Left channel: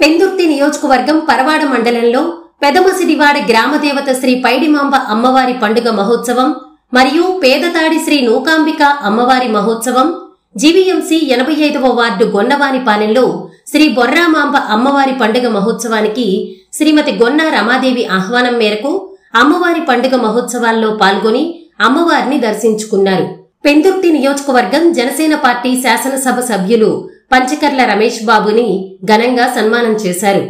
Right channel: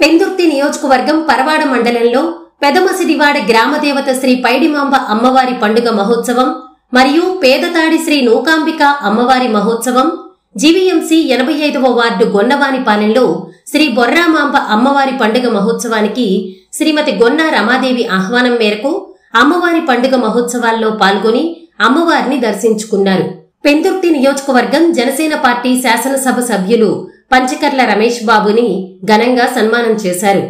పెందుర్తి నియోజకవర్గం పరవాడ మండలంలో పెదమసిడివాడ గ్రామదేవత శ్రీ పైడిమాంబ అమ్మవారి పండుగ మహోత్సవం మరియు పేదతాడి శ్రీ నూకాంబిక అమ్మవారి మహోత్సవం జీవీఎంసీ 85వ వార్డు గొన్నవానిపాలెంలో శ్రీ బొర్రామాంబ అమ్మవారి పండుగ మహోత్సవానికి శ్రీమతి గొన్న రమాదేవి ఆహ్వానం మేరకు అమ్మవారి పండుగ మహోత్సవాల్లో పాల్గొని అమ్మవారిని దర్శించుకున్నారు. పెందుర్తి నియోజకవర్గం జనసేన పార్టీ శాసనసభ సభ్యులు పంచకర్ల రమేష్ బాబుని ఘనంగా సన్మానం చేశారు.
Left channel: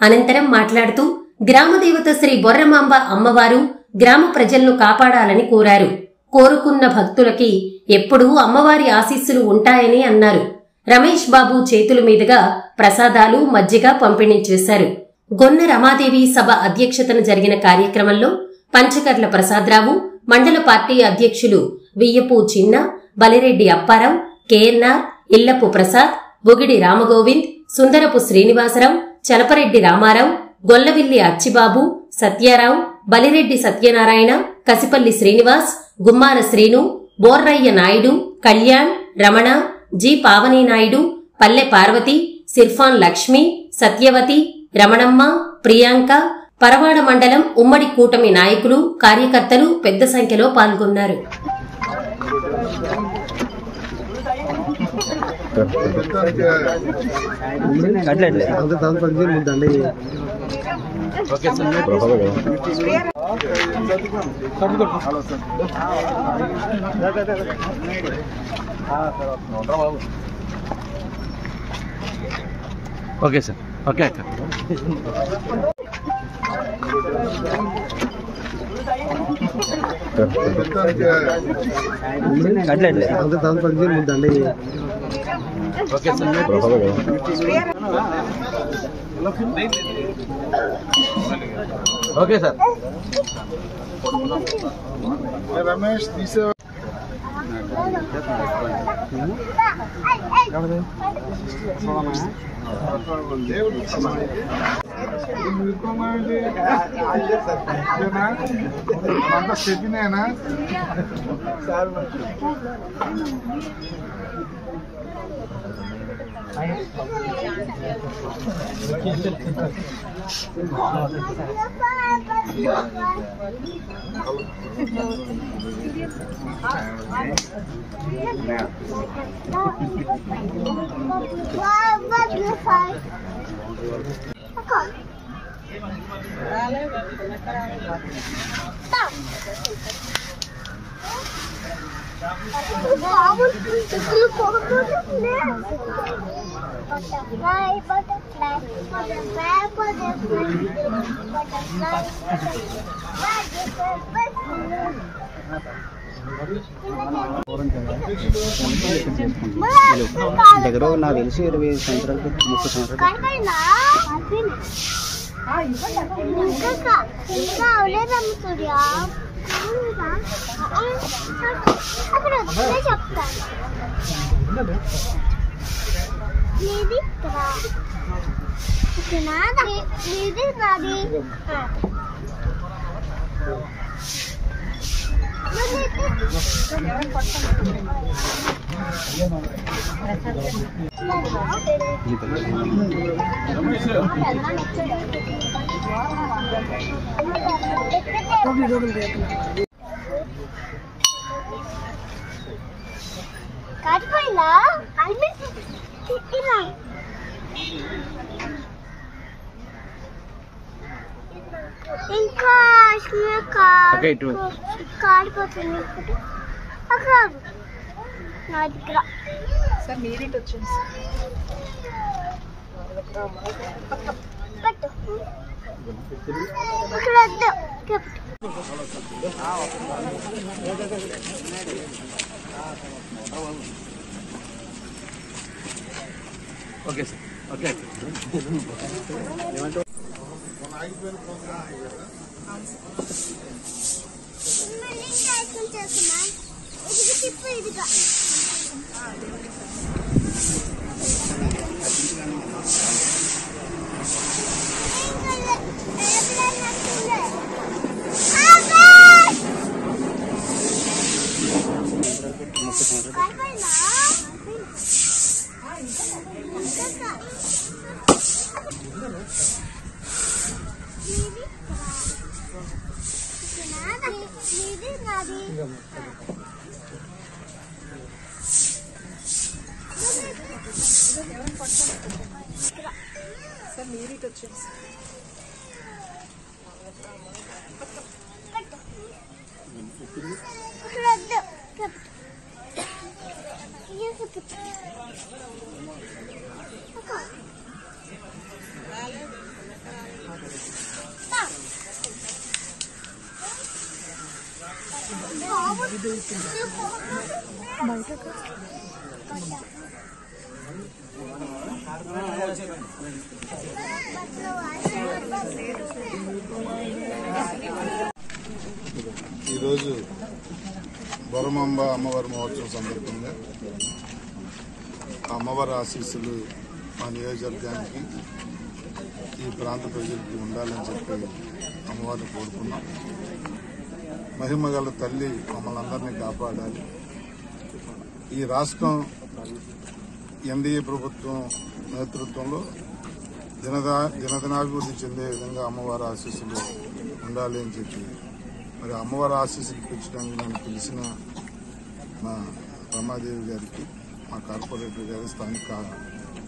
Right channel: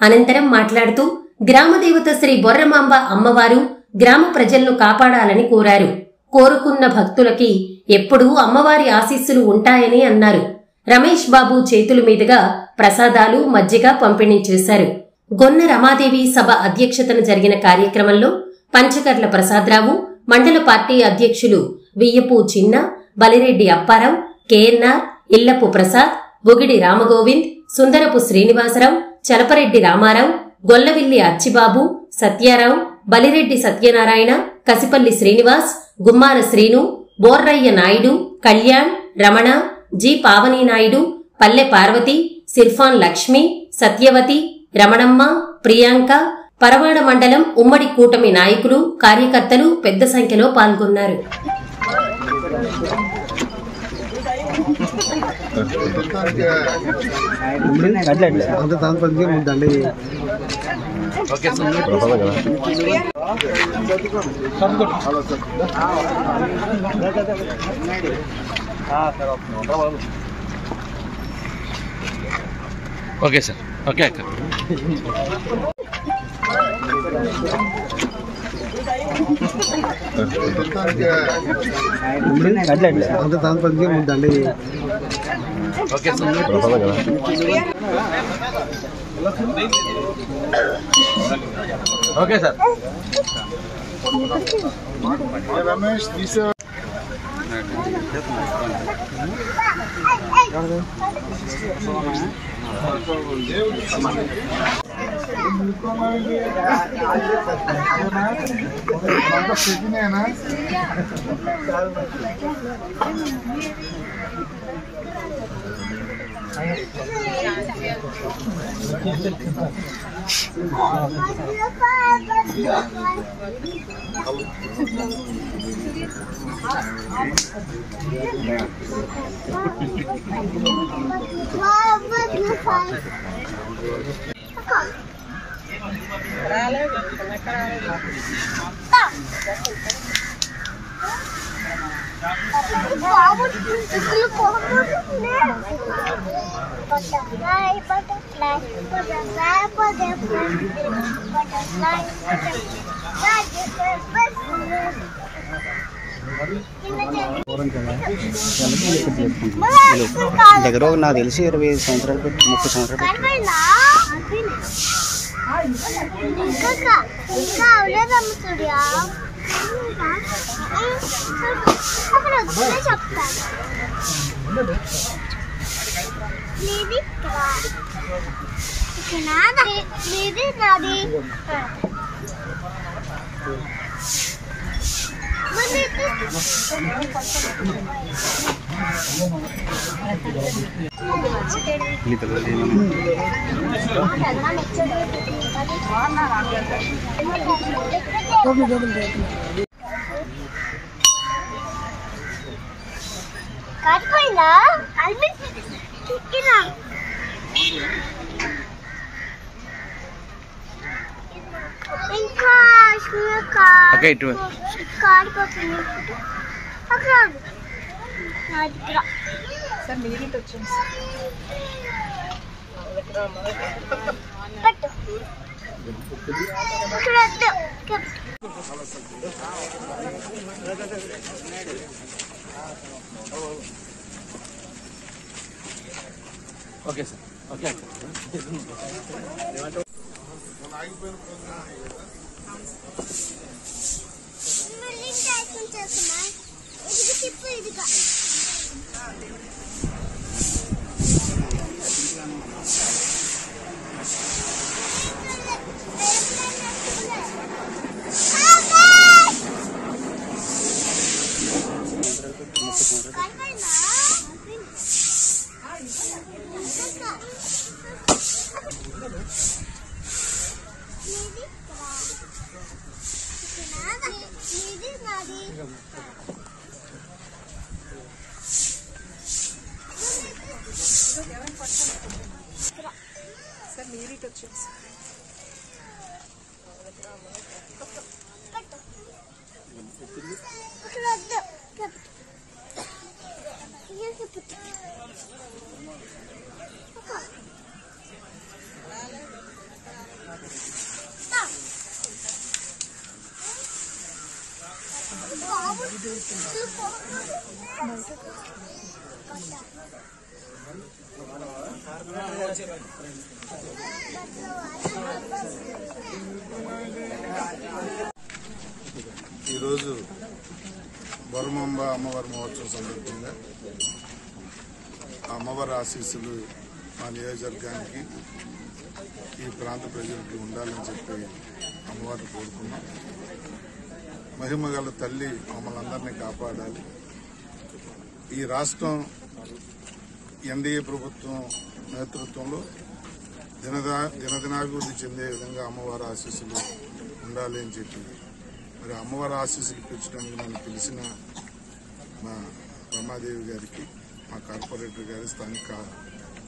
అనంతరం మాట్లాడుతూ గ్రామదేవత శ్రీ బొర్రమాంబ అమ్మవారు గ్రామ ప్రజలను కాపాడాలని కోరారు. కోరుకున్న భక్తులకి ఎప్పుడూ అమ్మవారి ఆశీస్సులు ఉంటాయని అన్నారు. రమేష్ బాబు చేతుల మీదుగా ప్రసాదాలు మజ్జిగ పంపిణీ చేశారు. గొన్న రమాదేవి సభ అధ్యక్షతన జరిగిన కార్యక్రమంలో పంచకర్ల ప్రసాదరావు, మండల పార్టీ అధ్యక్షులు వియ్యపు చిన్న, బలిరెడ్డి అప్పారావు, కేఎన్ఆర్, ఇల్లపు ప్రసాద్, బొగిడి రామగోవింద్, సుందరపు శ్రీనివాసరావు, చలపరెడ్డి రామారావు, గొల్లవిల్లి అచ్చిబాబు, సత్యారావు, బలిరెడ్డి సత్యనారాయణ, కసిపల్లి శ్రీనివాస్, గుమ్మాన శ్రీను, బోర్రయ్య నాయుడు, కళ్యాణ్, రమణ, జి పావనీ నాయుడు, పల్లె పార్వతి, సిర్ఫాన్ లక్ష్మి, సత్యవతి, రమణమ్మ, ప్రియాంక, పరవాడ మండలం ఉమ్మడి కూటమి నాయకులు, కార్యకర్తలు పెద్ద సంఖ్యలో పాల్గొన్నారు. Okay sir. Okay okay sir. Ramesh సిగ్నేనా దగ్గర నాకు తెలిసి 25 సంవత్సరాలు 30 సంవత్సరాలు ఓకే ఇటు సార్ మీరిట్ వచ్చింది ఓకే సార్. ఓకే ఆగిపోయిన ప్రోగ్రామ్ కదా సార్ మీరు ఇటు వచ్చేసి ఈరోజు బొరమాంబ అమ్మవారి మహోత్సవం సందర్భంగా అమ్మవారి ఆశీస్సులు మా నియోజకవర్గానికి ఈ ప్రాంత ప్రజలకి ఉండాలని చెప్పి అమ్మవారిని కోరుకున్నాం. మహిమగల తల్లి మమ్మల్ని అందరినీ కాపాడాలి. ఈ రాష్ట్రం ఎన్డీఏ ప్రభుత్వం నేతృత్వంలో దినదినాభివృద్ధి చెందే విధంగా అమ్మవారి ఆశీస్సులు ఉండాలి అని చెప్పి మరి అమ్మవారి ఆశీస్సులు పెంచడానికి నన్ను పిలిచిన మా రమాదేవి గారికి, మా కార్పొరేటర్ గారి, స్థానిక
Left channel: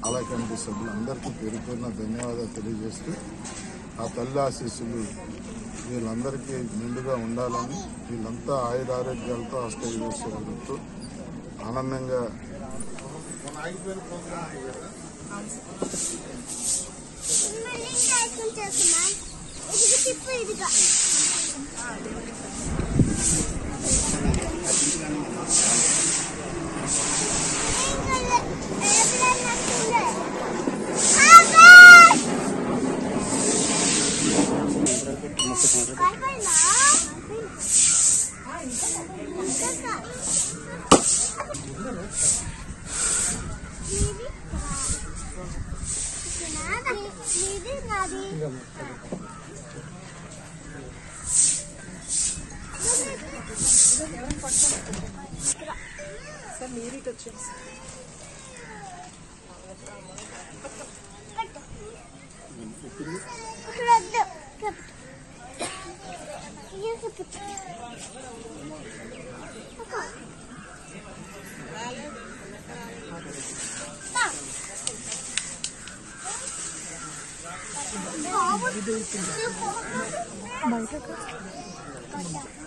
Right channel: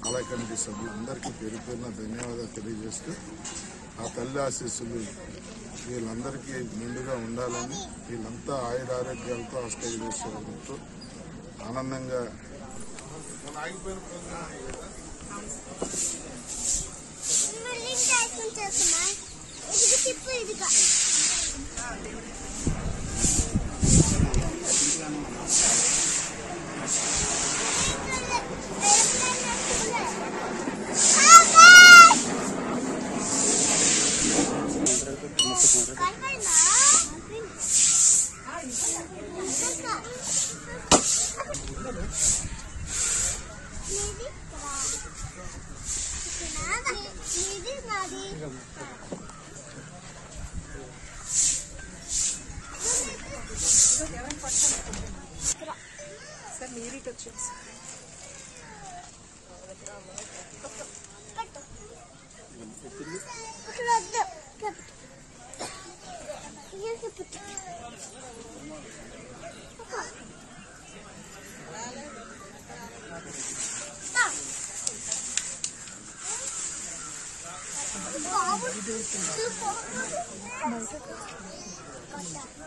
ఆలయ కమిటీ సభ్యులందరికీ పేరు పేరున ధన్యవాదాలు తెలియజేస్తూ ఆ తల్లి ఆశీస్సులు వీళ్ళందరికీ నిండుగా ఉండాలని, వీళ్ళంతా ఆయురారోగ్యాలతో అష్టైశ్వర్యాలతో ఆనందంగా ఆగిపోయిన ప్రోగ్రాం కదా. సార్ మీరు ఇటు వచ్చేసి బయట